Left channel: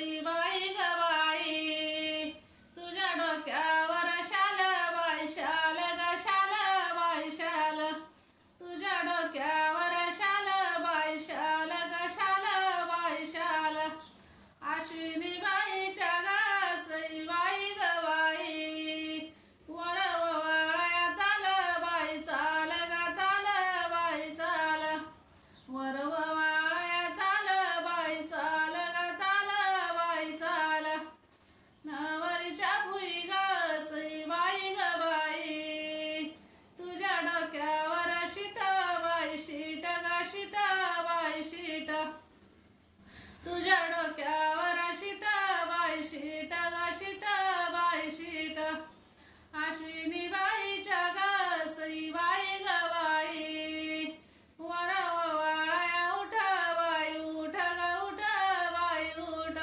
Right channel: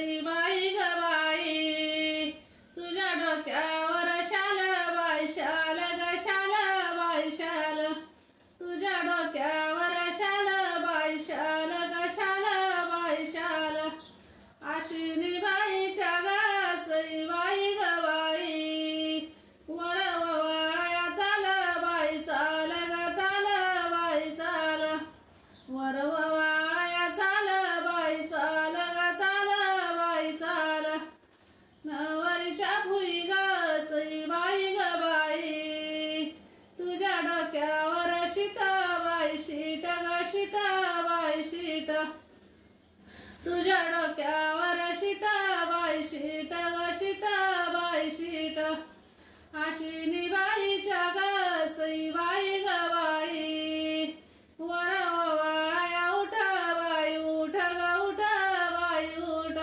सईबाई ग बाई, तुझ्या डोक्यावर शाल बाई शाल ग शाल बाई शाल, तुझ्या डोक्यावर शाल बाई शाल ग शाल बाई शाल, अश्विनी बाईच्या ग सईबाई ग बाई, वर ववाळया चाल बाई चाल ग चाल बाई चाल, वर ववाळया चाल बाई चाल ग चाल बाई चाल, नवरीच्या भुई ग सईबाई ग बाई, तुझ्या डोक्यावर शीट बाई शीट ग शीट बाई शीट, तुझ्या डोक्यावर शीट बाई शीट ग शीट बाई शीट, अश्विनी बाईच्या ग सईबाई ग बाई, वर ओवाळया उठ बाई उठ ग उठ बाई उठ,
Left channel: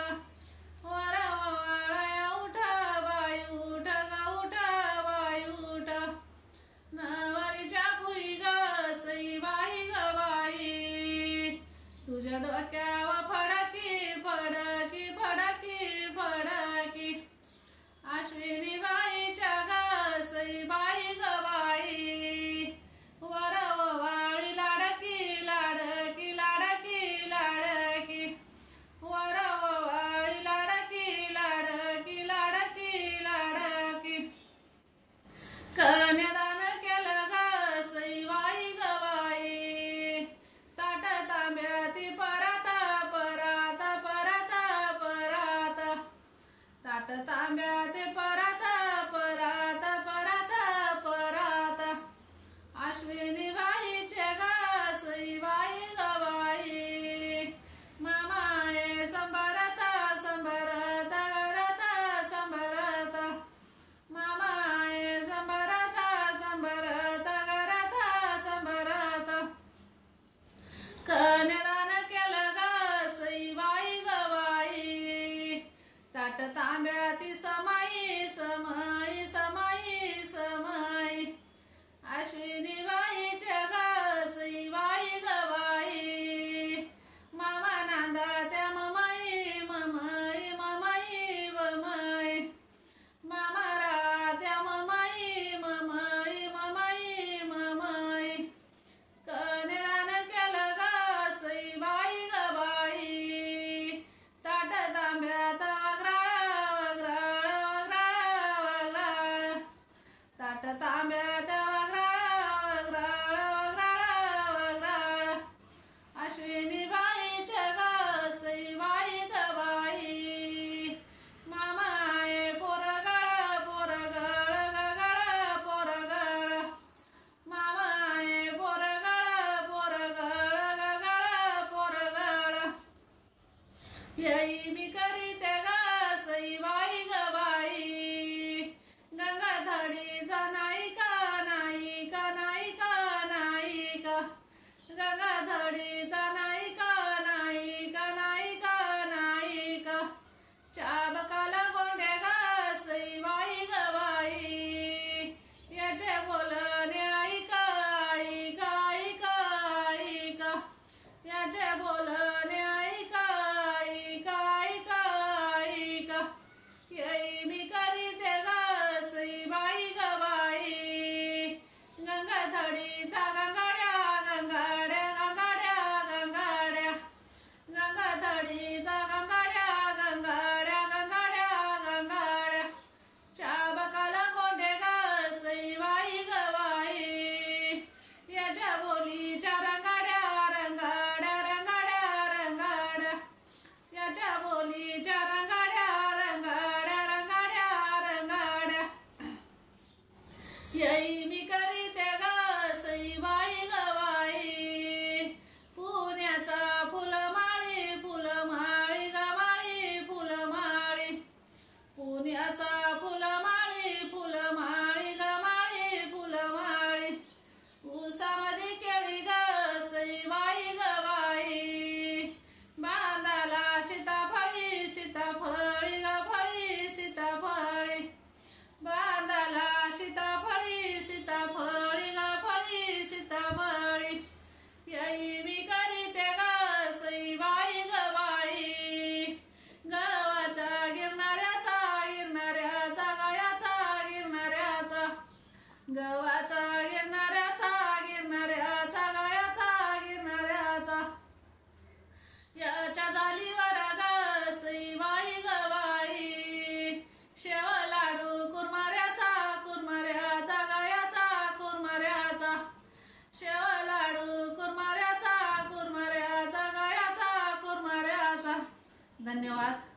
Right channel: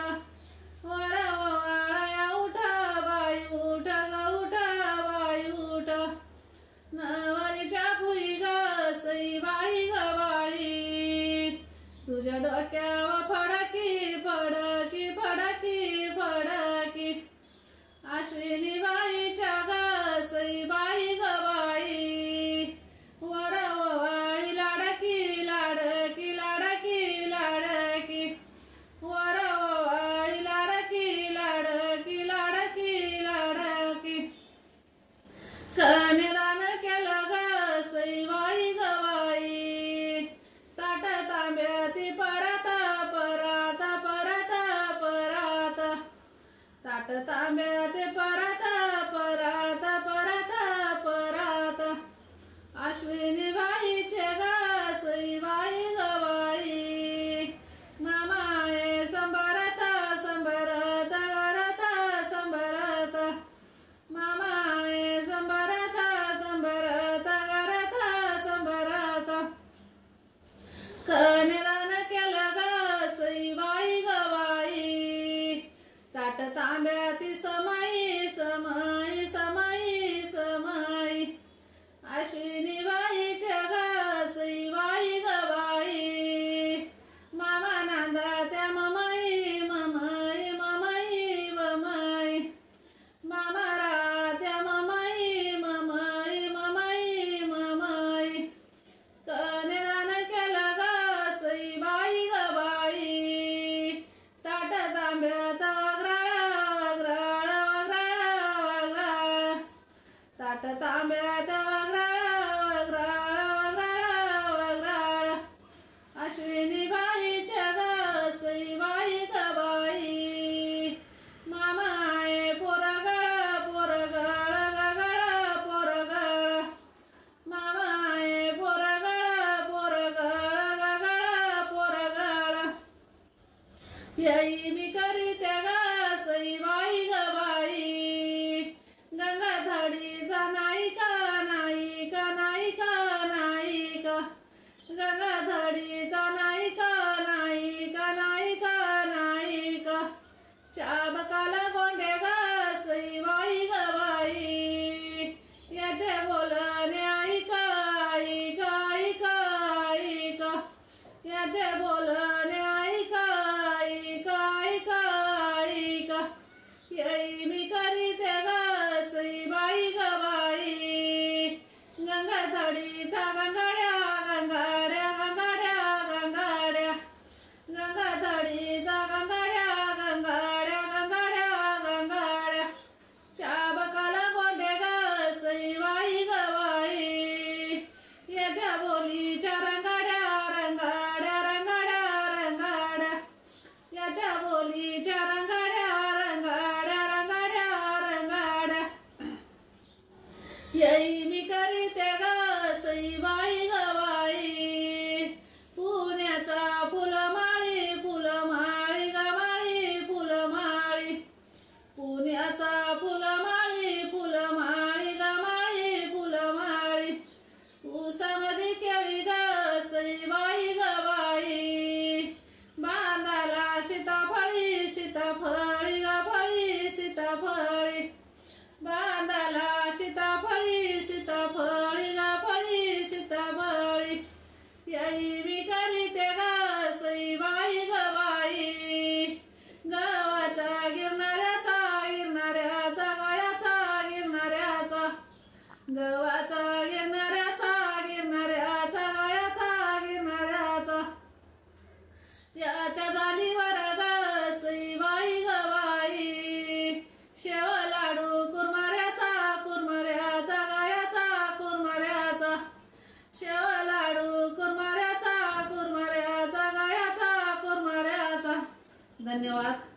वर ओवाळया उठ बाई उठ ग उठ बाई उठ, नवरीच्या भुई ग सईबाई ग बाई, तुझ्या डोक्यावर फडकी फडकी फडकी फडकी, अश्विनी बाईच्या ग सईबाई ग बाई, वर ओवाळी लाडकी लाडकी लाडकी लाडकी, वर ओवाळी लाडकी लाडकी लाडकी लाडकी, कन्यादान केलं ग सईबाई ग बाई, ताट तांब्याती परात परात परात परात, ताट तांब्याती परात परात परात परात, अश्विनी बाईचे ग सईबाई ग बाई, मामाये संभरत संभरत घरात संभरत, मामाये संभरत संभरत घरात संभरत, कन्यादान केलं ग सईबाई ग बाई, ताट तांब्याती समाई समाई समाई समाई, अश्विनी बाईच्या ग सईबाई ग बाई, मामा नांदात्या ममाई ममाई ममाई ममाई, मामा रात्या ममाई ममाई ममाई ममाई, कन्यादान केलं ग सईबाई ग बाई, ताट तांब्यात वगराळ वगराळ वगराळ वगराळ, ताट तांब्यात वगराळ वगराळ वगराळ वगराळ, अश्विनी बाईच्या ग सईबाई ग बाई, मामाये पोरगळ पोरगळ गगळ पोरगळ, मामाये पोरगळ पोरगळ गगळ पोरगळ, येई मी करीते ग सईबाई ग बाई, गंगाधडीचा नायिका नायिका नायिका नायिका, गंगाधडीचा नायिका नायिका नायिका नायिका, चाबकाला गोंडे ग सईबाई ग बाई, याचे बोलणे ऐका ऐका ऐका ऐका, याचे बोलणे ऐका ऐका ऐका ऐका, येई मी करीते ग सईबाई ग बाई, गंगाधडीचा गंगाड्या गंगाड्या गंगाड्या गंगाड्या, गंगाधडीचा गंगाड्या गंगाड्या गंगाड्या गंगाड्या, चाबकाला गोंडे ग सईबाई ग बाई, याच्या बोलीच्या रंगाड्या रंगाड्या रंगाड्या रंगाड्या, याच्या बोलीच्या रंगाड्या रंगाड्या रंगाड्या रंगाड्या, येई मी करीते ग सईबाई ग बाई, पुण्याचा फुलमाळी फुलमाळी ग माळी फुलमाळी, पुण्याचा फुलमाळी फुलमाळी ग माळी फुलमाळी, ऊसामध्ये केळी ग सईबाई ग बाई, बांधाला सीताफळी सीताफळी ग फळी सीताफळी, बांधाला सीताफळी धन्यवाद.